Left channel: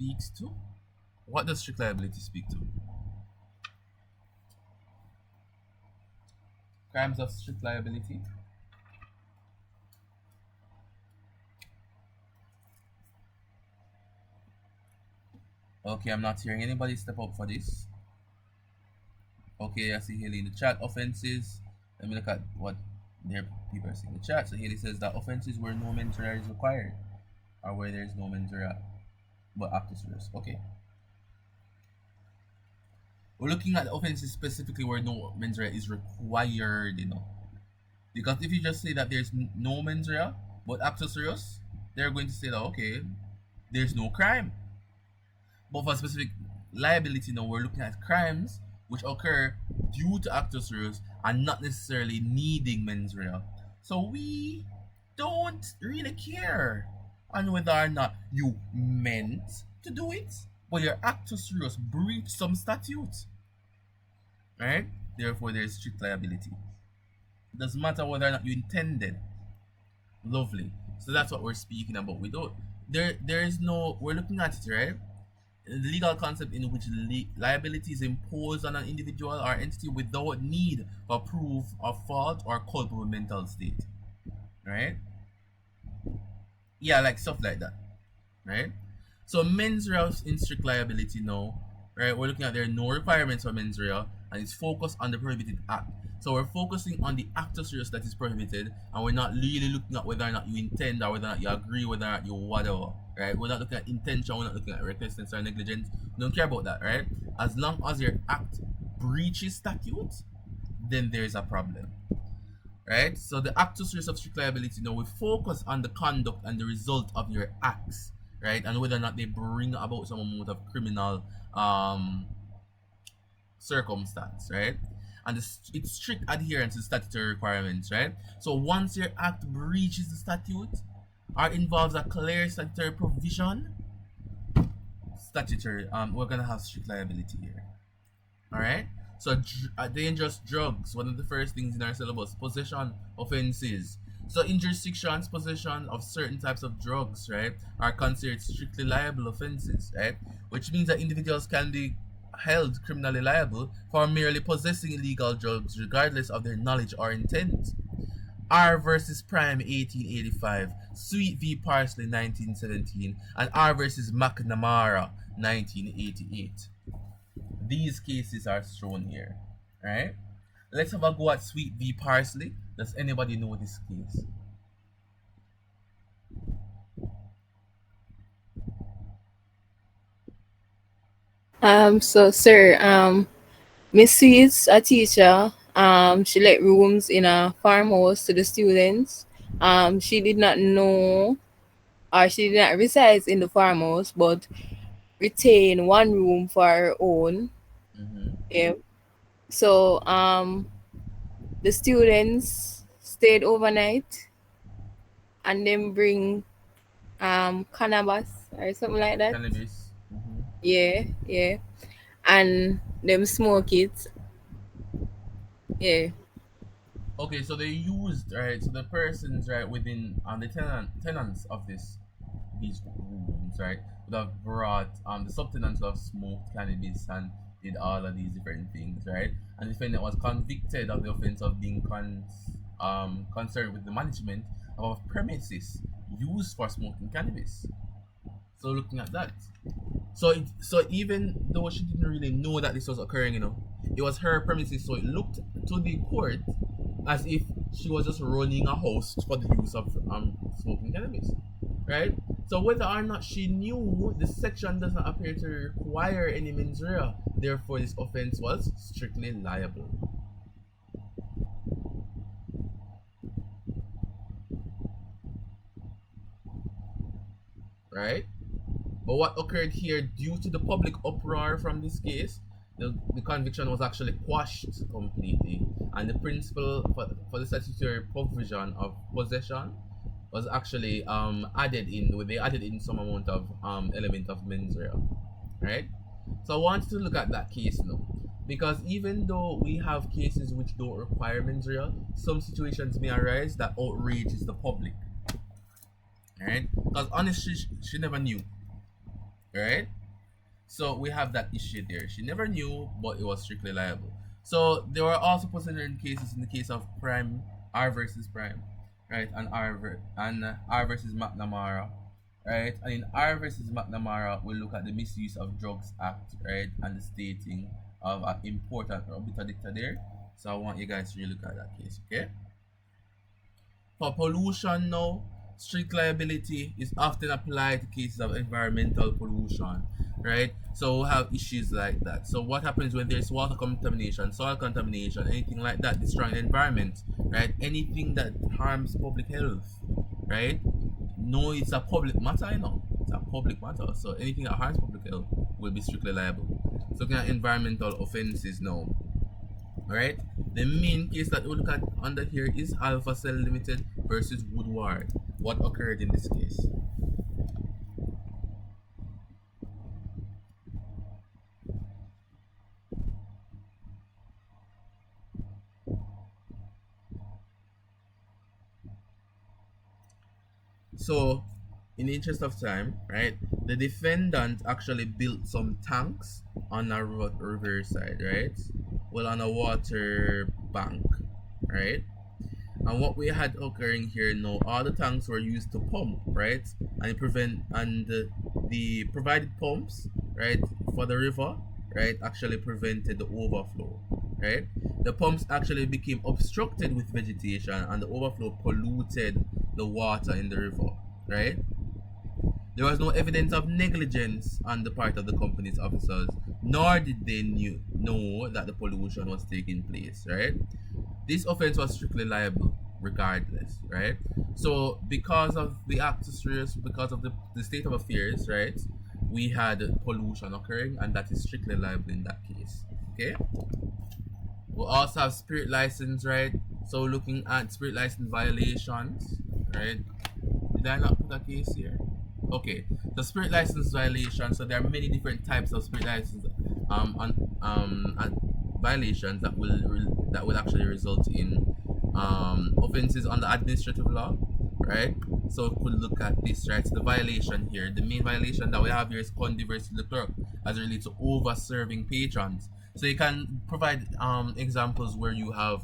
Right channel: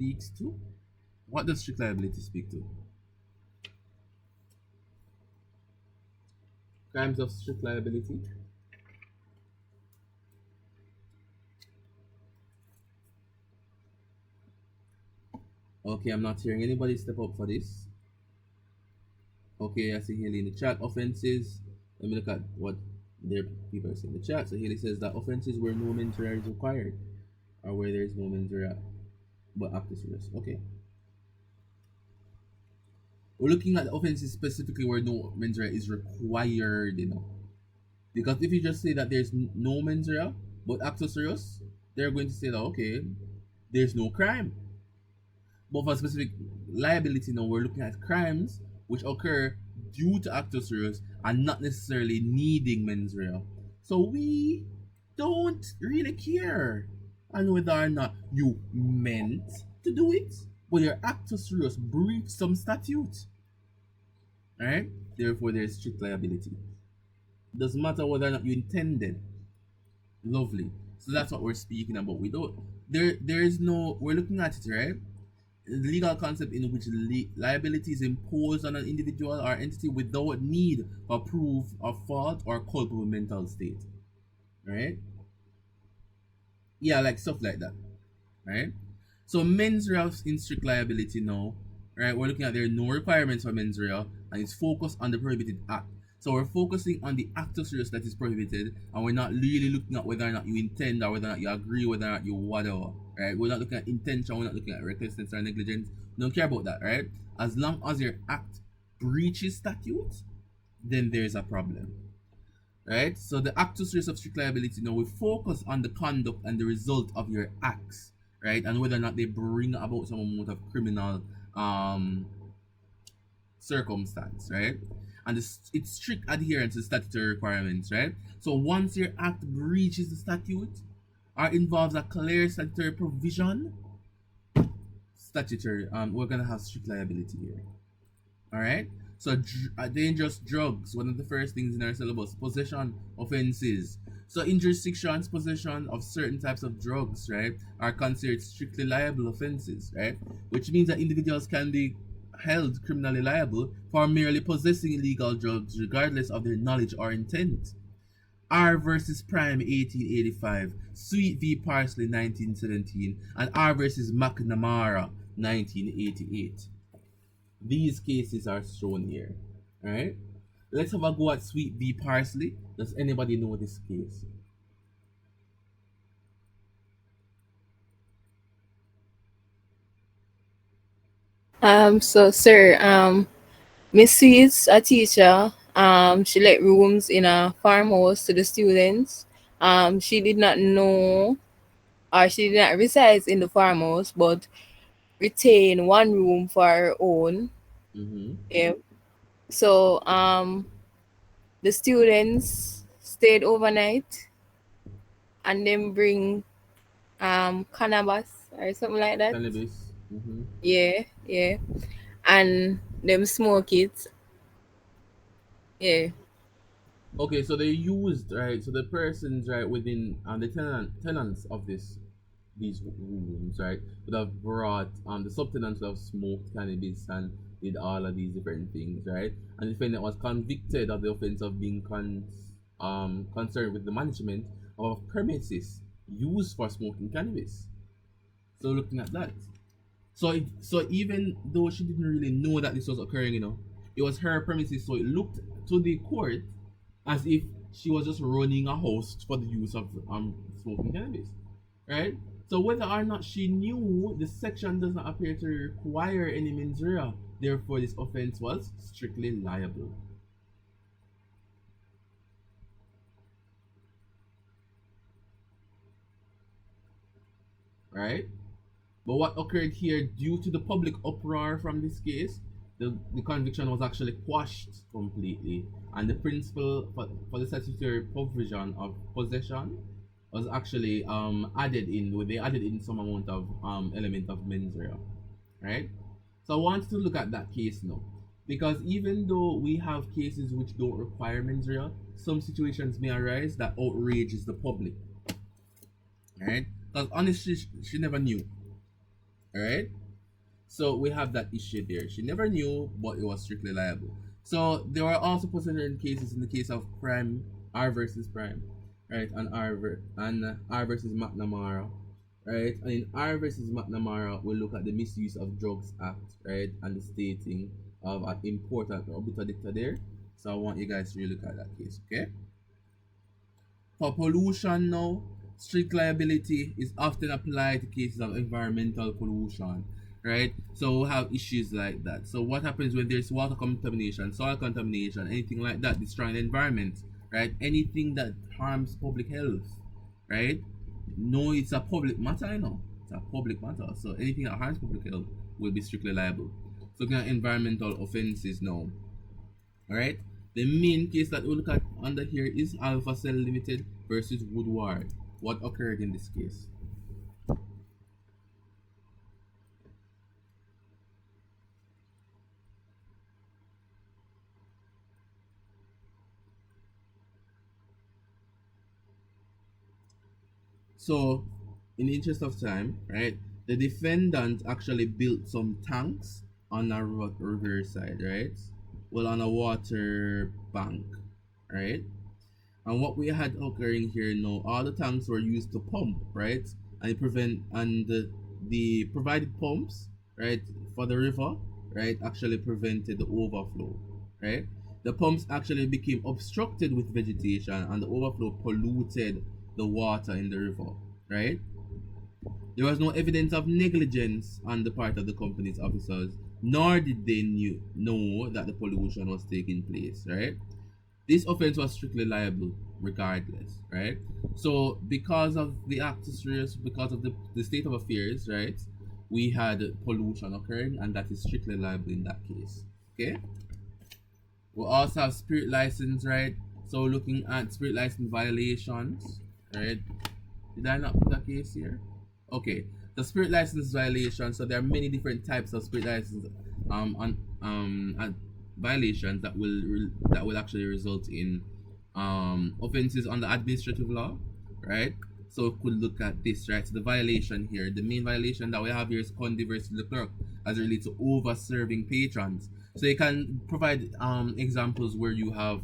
speaks to? What does strict liability speak to? Crimes of strict liability? Okay, I'm not hearing anybody step up for this. Okay, I see Haley in the chat. Offenses. Let me look at what their people are saying in the chat. So Haley says that offenses where no mens rea is required, or where there's no mens rea but actus reus. Okay. We're looking at offenses specifically where no mens rea is required, Because if you just say that there's no mens rea but actus reus, they're going to say that okay, there's no crime. But for specific liability, now we're looking at crimes which occur due to actus reus and not necessarily needing mens rea. So we don't really care on whether or not you meant to do it, but your actus reus breached some statute, right? Therefore, there's strict liability. Doesn't matter whether or not you intended. Lovely. So that's what we're speaking about. We don't. There is no. We're looking at it, right? The legal concept in which liability is imposed on an individual or entity without need for proof of fault or culpable mental state, right? Yeah, like stuff like that, right? So mens rea in strict liability now, right? We're looking at there are no requirements for mens rea, and it's focused on the prohibited act. So we're focusing on the actus reus that is prohibited, and we're not really looking at whether or not you intend or whether or not you agree, whether or not you whatever, right? We're not looking at intention, we're not looking at recklessness or negligence. We don't care about that, right? As long as your act breaches statute, then there is a problem, right? So the actus reus of strict liability, we focus on the conduct and the result of your acts, right? And whether or not they bring about some amount of criminal circumstance, right? And it's strict adherence to statutory requirements, right? So once your act breaches the statute or involves a clear statutory provision, we're gonna have strict liability here. All right. So dangerous drugs, one of the first things in our syllabus, possession offenses. So in jurisdictions, possession of certain types of drugs, right, are considered strictly liable offenses, right? Which means that individuals can be held criminally liable for merely possessing illegal drugs, regardless of their knowledge or intent. R versus Prime 1885, Sweet v Parsley 1917, and R versus McNamara 1988. These cases are shown here, right? Let's have a go at Sweet v Parsley. Does anybody know this case? So sir, Miss Sweets, a teacher, she let rooms in a farmhouse to the students. She did not know, or she did not reside in the farmhouse, but retain one room for her own. Mm-hmm. Yeah. So the students stayed overnight and then bring cannabis or something like that. Cannabis. Mm-hmm. Yeah, yeah. And them smoke it. Yeah. Okay, so they used, right? So the persons, right, within the tenants of these rooms, right, would have brought the subtenants would have smoked cannabis and did all of these different things, right? And the defendant was convicted of the offense of being concerned with the management of premises used for smoking cannabis. So looking at that, so even though she didn't really know that this was occurring, it was her premises, so it looked to the court as if she was just running a house for the use of smoking cannabis, right? So whether or not she knew, the section does not appear to require any mens rea. Therefore, this offense was strictly liable, right? But what occurred here, due to the public uproar from this case, the conviction was actually quashed completely, and the principle for the statutory provision of possession was actually added in. They added in some amount of element of mens rea, right? So I want to look at that case now, because even though we have cases which don't require mens rea, some situations may arise that outrages the public, right? Because honestly, she never knew. right? So we have that issue there. She never knew, but it was strictly liable. So there were also potential cases in the case of Prime, R versus Prime, right, and R versus McNamara, right, and in R versus McNamara, we look at the Misuse of Drugs Act, right, and the stating of an important obiter dicta there. So I want you guys to really look at that case, okay? For pollution now, strict liability is often applied to cases of environmental pollution, right? So we have issues like that. So what happens when there's water contamination, soil contamination, anything like that, destroying the environment, right? Anything that harms public health, right? No, it's a public matter, you know. It's a public matter. So anything that harms public health will be strictly liable. So looking at environmental offenses now, alright? The main case that we look at under here is Alpha Cell Limited versus Woodward. What occurred in this case? So, in the interest of time, right, the defendant actually built some tanks on a riverside, right? Well, on a water bank, right? And what we had occurring here now, all the tanks were used to pump, right? And the provided pumps, right, for the river, right, actually prevented the overflow, right? The pumps actually became obstructed with vegetation, and the overflow polluted the water in the river, right? There was no evidence of negligence on the part of the company's officers, nor did they know that the pollution was taking place, right? This offense was strictly liable regardless, right? So because of the actus reus, because of the state of affairs, right, we had pollution occurring, and that is strictly liable in that case. Okay. We also have spirit license, right? So looking at spirit license violations, right? Did I not put a case here? Okay, the spirit license violation. So there are many different types of spirit license on violations that will actually result in offenses under administrative law, right? So we could look at this, right? So the violation here, the main violation that we have here is Condi versus Leclerc as it relates to over serving patrons. So you can provide examples where you have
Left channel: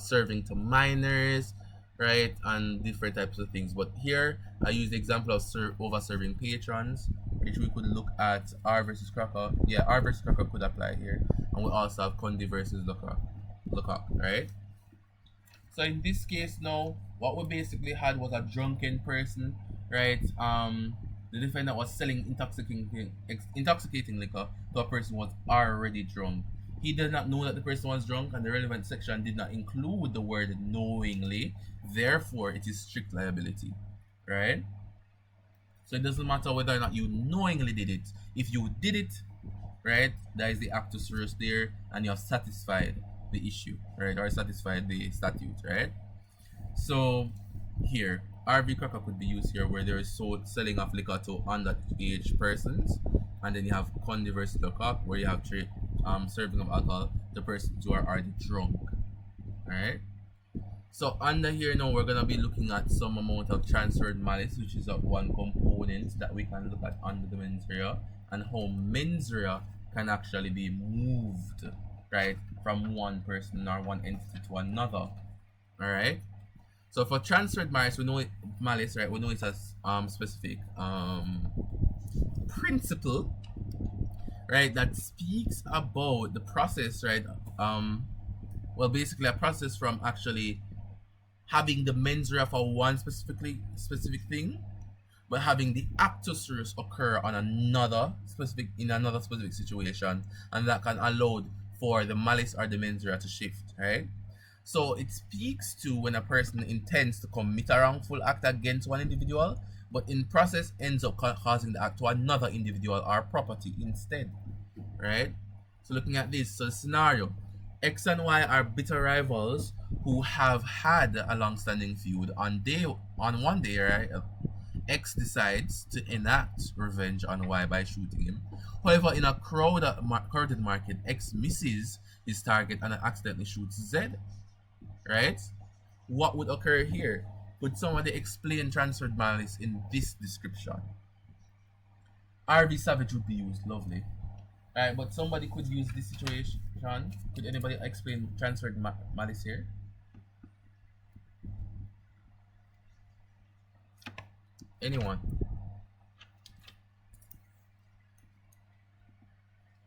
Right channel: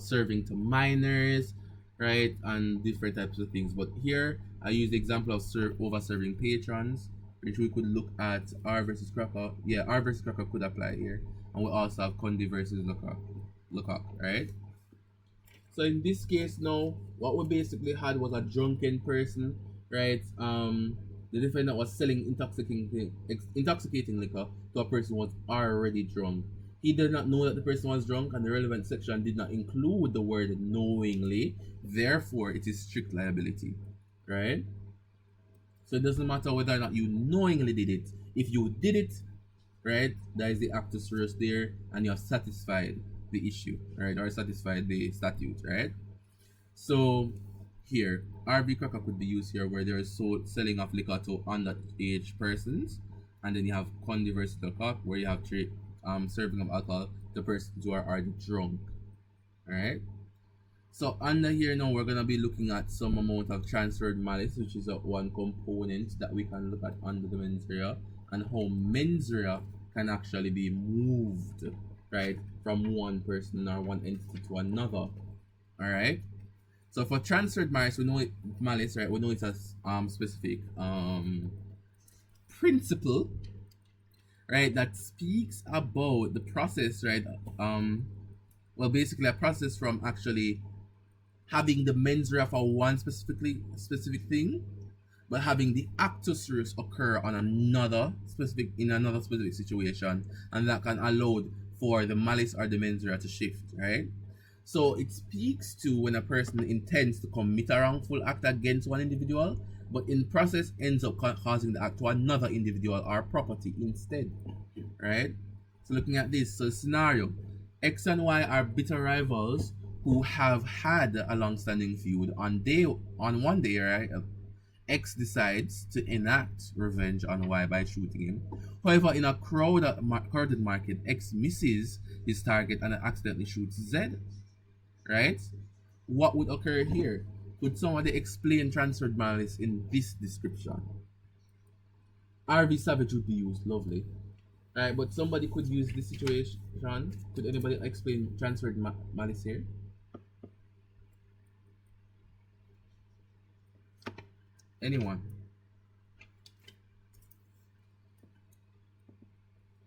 serving to minors, right, and different types of things. But here I use the example of over serving patrons, which we could look at R versus Cracker. Yeah, R versus Cracker could apply here, and we also have Condi versus Lecoq, right? So in this case now, what we basically had was a drunken person, right? The defendant was selling intoxicating liquor to a person who was already drunk. He did not know that the person was drunk, and the relevant section did not include the word knowingly. Therefore, it is strict liability, right? So it doesn't matter whether or not you knowingly did it. If you did it, right, there is the actus reus there, and you have satisfied the issue, right, or satisfied the statute, right? So here, RV cracker could be used here where there is selling of liquor to underage persons, and then you have Condi versus Lecoq where you have serving of alcohol to persons who are already drunk, right? So under here now, we're gonna be looking at some amount of transferred malice, which is one component that we can look at under the mens rea, and how mens rea can actually be moved, right, from one person or one entity to another. All right. So for transferred malice, we know it malice, right? We know it's a specific principle, right, that speaks about the process, right? Well, basically a process from actually having the mens rea for one specific thing, but having the actus reus occur on another specific situation, and that can allow for the malice or the mens rea to shift, right? So it speaks to when a person intends to commit a wrongful act against one individual, but in process ends up causing the act to another individual or property instead, right? So looking at this, so the scenario, X and Y are bitter rivals who have had a long-standing feud. On one day, right, X decides to enact revenge on Y by shooting him. However, in a crowded market, X misses his target and accidentally shoots Z, right? What would occur here? Could somebody explain transferred malice in this description? RV Savage would be used. Lovely. Alright, but somebody could use this situation. Could anybody explain transferred malice here? Anyone?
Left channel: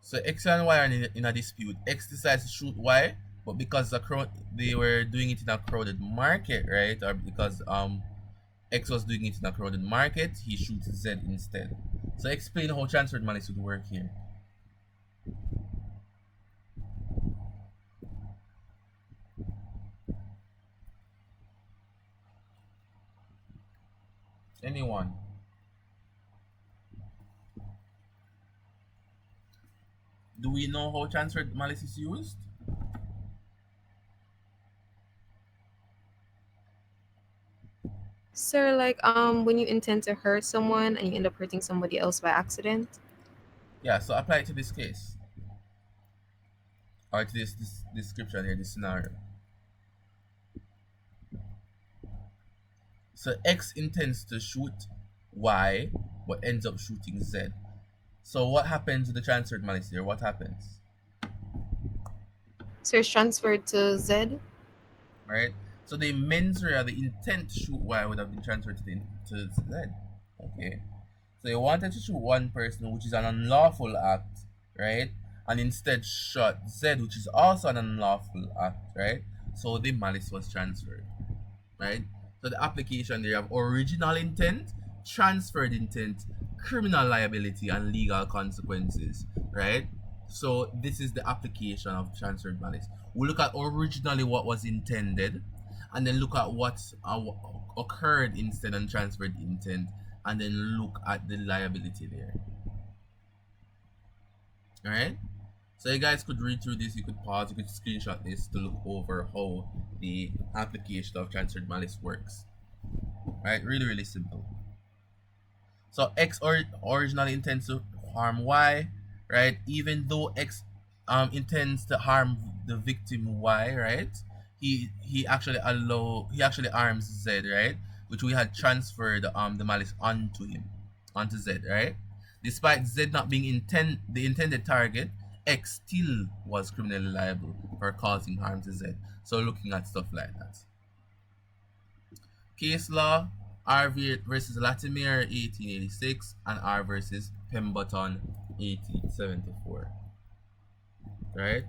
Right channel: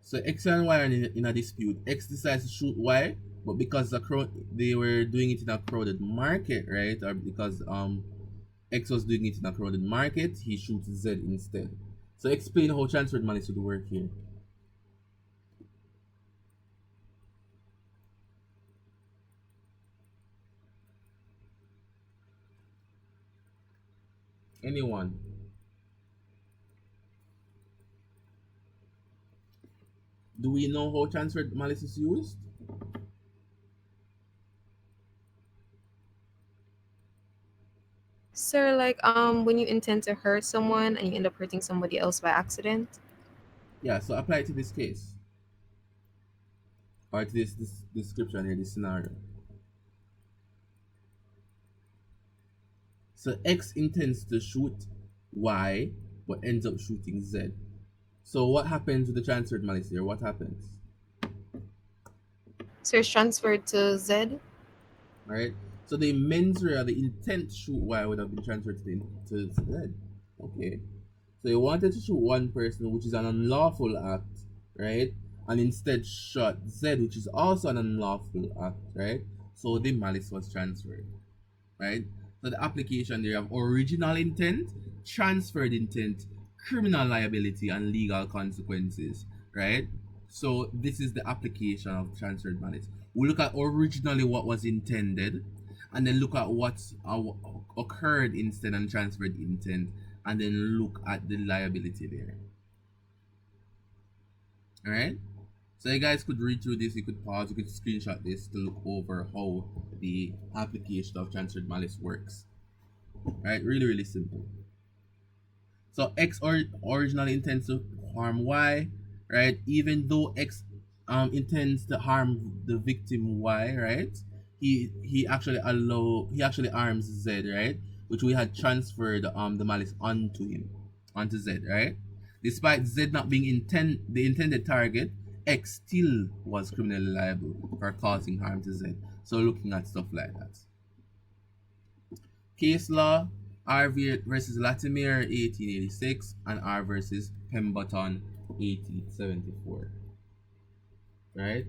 So X and Y are in a dispute. X decides to shoot Y, but because they were doing it in a crowded market, right? Or because X was doing it in a crowded market, he shoots Z instead. So explain how transferred malice would work here. Anyone? Do we know how transferred malice is used? Sir, like when you intend to hurt someone and you end up hurting somebody else by accident. Yeah, so apply it to this case. Or to this description here, this scenario. So X intends to shoot Y, but ends up shooting Z. So what happens with the transferred malice here? What happens? So it's transferred to Z. Right? So the mens rea, the intent to shoot Y would have been transferred to Z. Okay. So he wanted to shoot one person, which is an unlawful act, right? And instead shot Z, which is also an unlawful act, right? So the malice was transferred, right? So the application there have original intent, transferred intent, criminal liability, and legal consequences, right? So this is the application of transferred malice. We look at originally what was intended, and then look at what occurred instead and transferred intent, and then look at the liability there. All right. So you guys could read through this. You could pause. You could screenshot this to look over how the application of transferred malice works. Right? Really, really simple. So X originally intends to harm Y, right? Even though X intends to harm the victim Y, right? He actually harms Z, right? Which we had transferred the malice onto him, onto Z, right? Despite Z not being the intended target, X still was criminally liable for causing harm to Z. So looking at stuff like that. Case law, R versus Latimer 1886 and R versus Pemberton 1874. Right?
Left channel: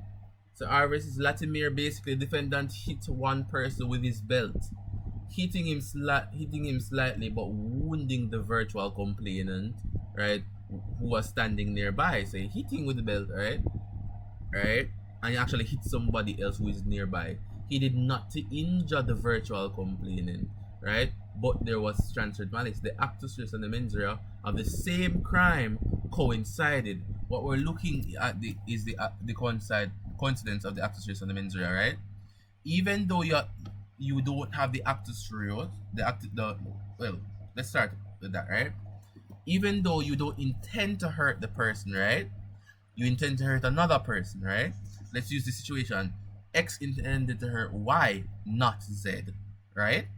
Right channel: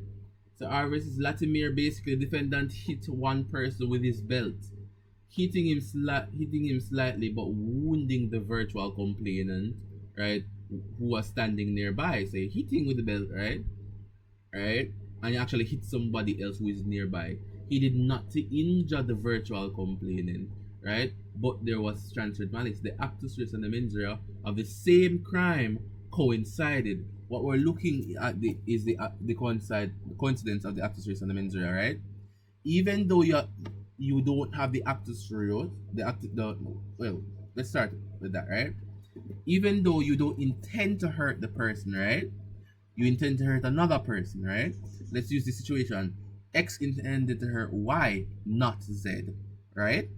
So R versus Latimer, basically defendant hit one person with his belt, hitting him slightly but wounding the virtual complainant, right? Who was standing nearby. So hitting with the belt, right? Right? And he actually hit somebody else who is nearby. He did not to injure the virtual complainant, right? But there was transferred malice. The actus reus and the mens rea of the same crime coincided. What we're looking at is the coincidence of the actus reus and the mens rea, right? Even though you don't have the actus reus, well, let's start with that, right? Even though you don't intend to hurt the person, right? You intend to hurt another person, right? Let's use the situation. X intended to hurt Y, not Z, right?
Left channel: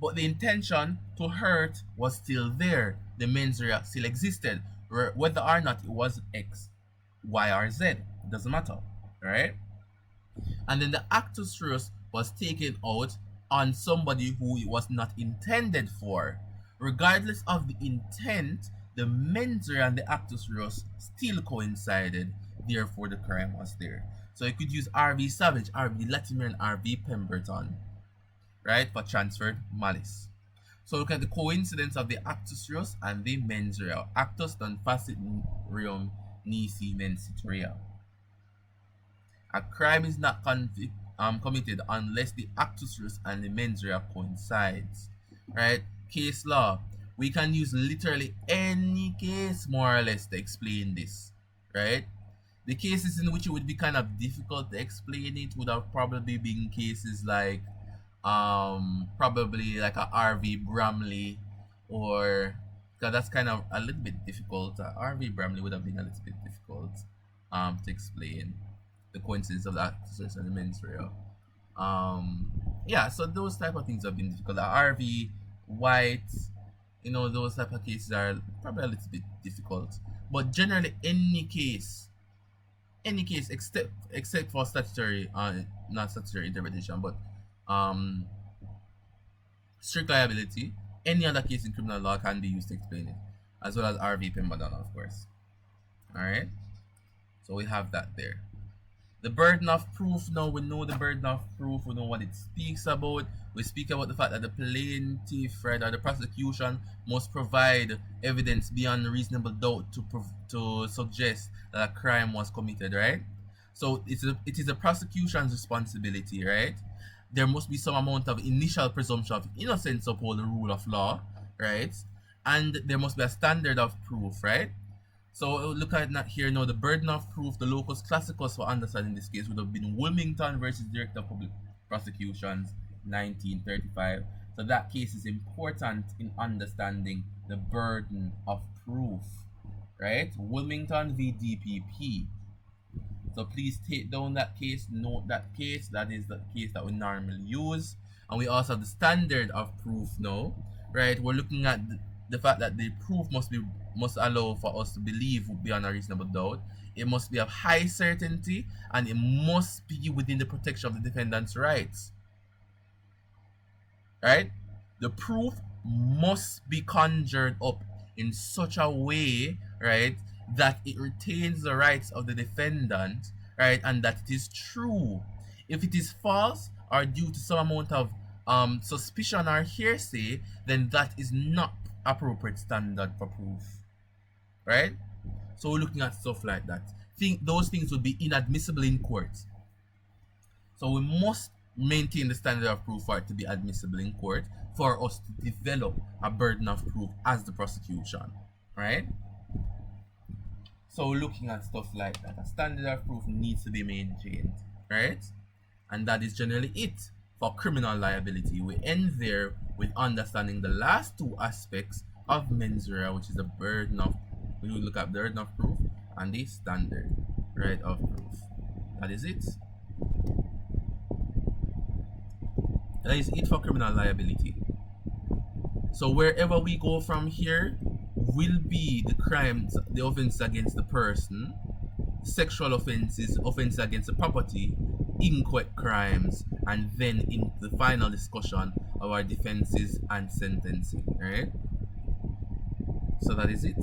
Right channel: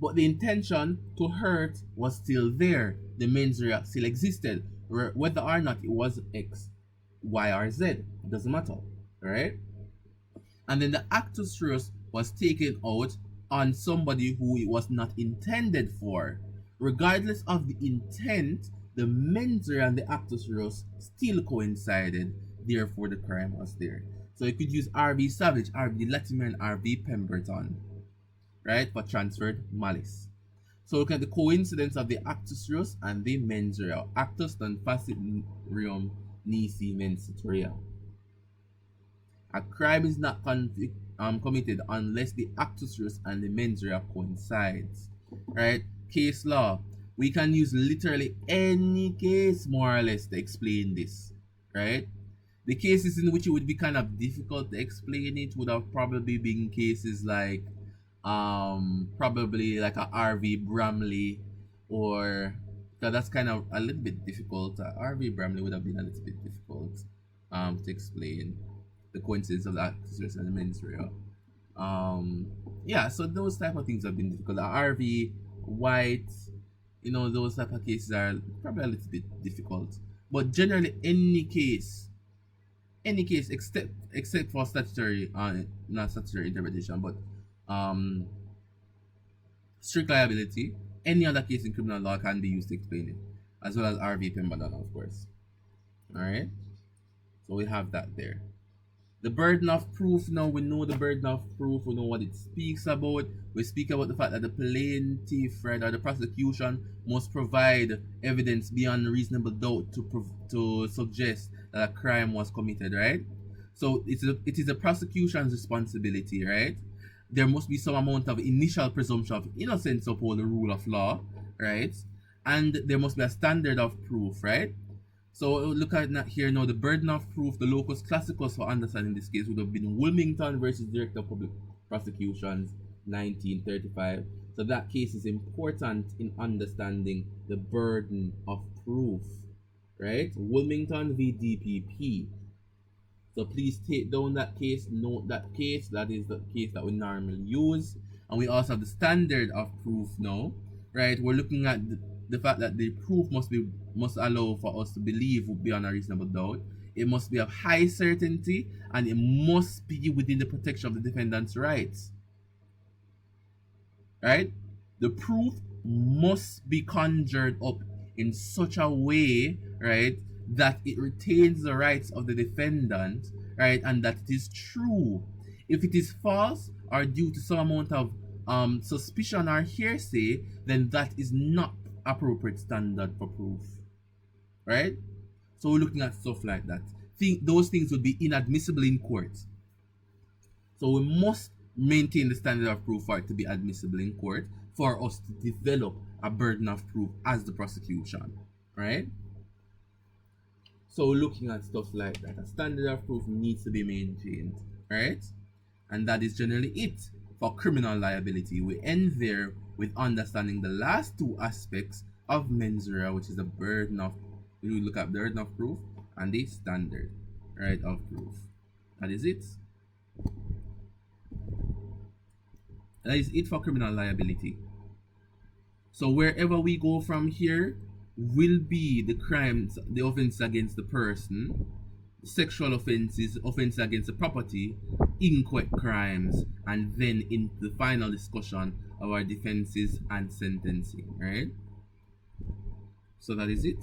But the intention to hurt was still there. The mens rea still existed. Whether or not it was X, Y, or Z, it doesn't matter, right? And then the actus reus was taken out on somebody who it was not intended for. Regardless of the intent, the mens rea and the actus reus still coincided, therefore the crime was there. So you could use RV Savage, RV Latimer, and RV Pemberton, right, for transferred malice. So look at the coincidence of the actus reus and the mens rea. Actus non facit reum nisi mensit rea. A crime is not committed unless the actus reus and the mens rea coincides, right? Case law. We can use literally any case more or less to explain this, right? The cases in which it would be kind of difficult to explain it would have probably been cases like probably like a RV Bramley, or because that's kind of a little bit difficult. RV Bramley would have been a little bit difficult to explain the coincidence of the actors and the mens rea. Yeah, so those type of things have been difficult. RV White, Those type of cases are probably a little bit difficult. But generally, any case except for statutory, not statutory interpretation, but um, strict liability, any other case in criminal law can be used to explain it, as well as RV Pemberton, of course. All right, so we have that there. The burden of proof, now we know the burden of proof, we know what it speaks about. We speak about the fact that the plaintiff, right, or the prosecution must provide evidence beyond reasonable doubt to suggest that a crime was committed, right? So it is the prosecution's responsibility, right? There must be some amount of initial presumption of innocence upon the rule of law, right? And there must be a standard of proof, right? So look at that here now. The burden of proof, the locus classicus for understanding this case would have been Wilmington versus Director of Public Prosecutions, 1935. So that case is important in understanding the burden of proof, right? Wilmington v. DPP. So please take down that case, note that case. That is the case that we normally use. And we also have the standard of proof now, right? We're looking at the fact that the proof must allow for us to believe beyond a reasonable doubt. It must be of high certainty, and it must be within the protection of the defendant's rights. Right? The proof must be conjured up in such a way, right, that it retains the rights of the defendant, right, and that it is true. If it is false or due to some amount of suspicion or hearsay, then that is not appropriate standard for proof, right? So we're looking at stuff like that. Those things would be inadmissible in court. So we must maintain the standard of proof for it to be admissible in court for us to develop a burden of proof as the prosecution, right? So looking at stuff like that, a standard of proof needs to be maintained, right? And that is generally it for criminal liability. We end there with understanding the last two aspects of mens rea, which is the burden of, we will look at burden of proof and the standard, right, of proof. That is it. That is it for criminal liability. So wherever we go from here will be the crimes, the offenses against the person, sexual offenses, offenses against the property, inchoate crimes, and then in the final discussion of our defenses and sentencing, right? So that is it.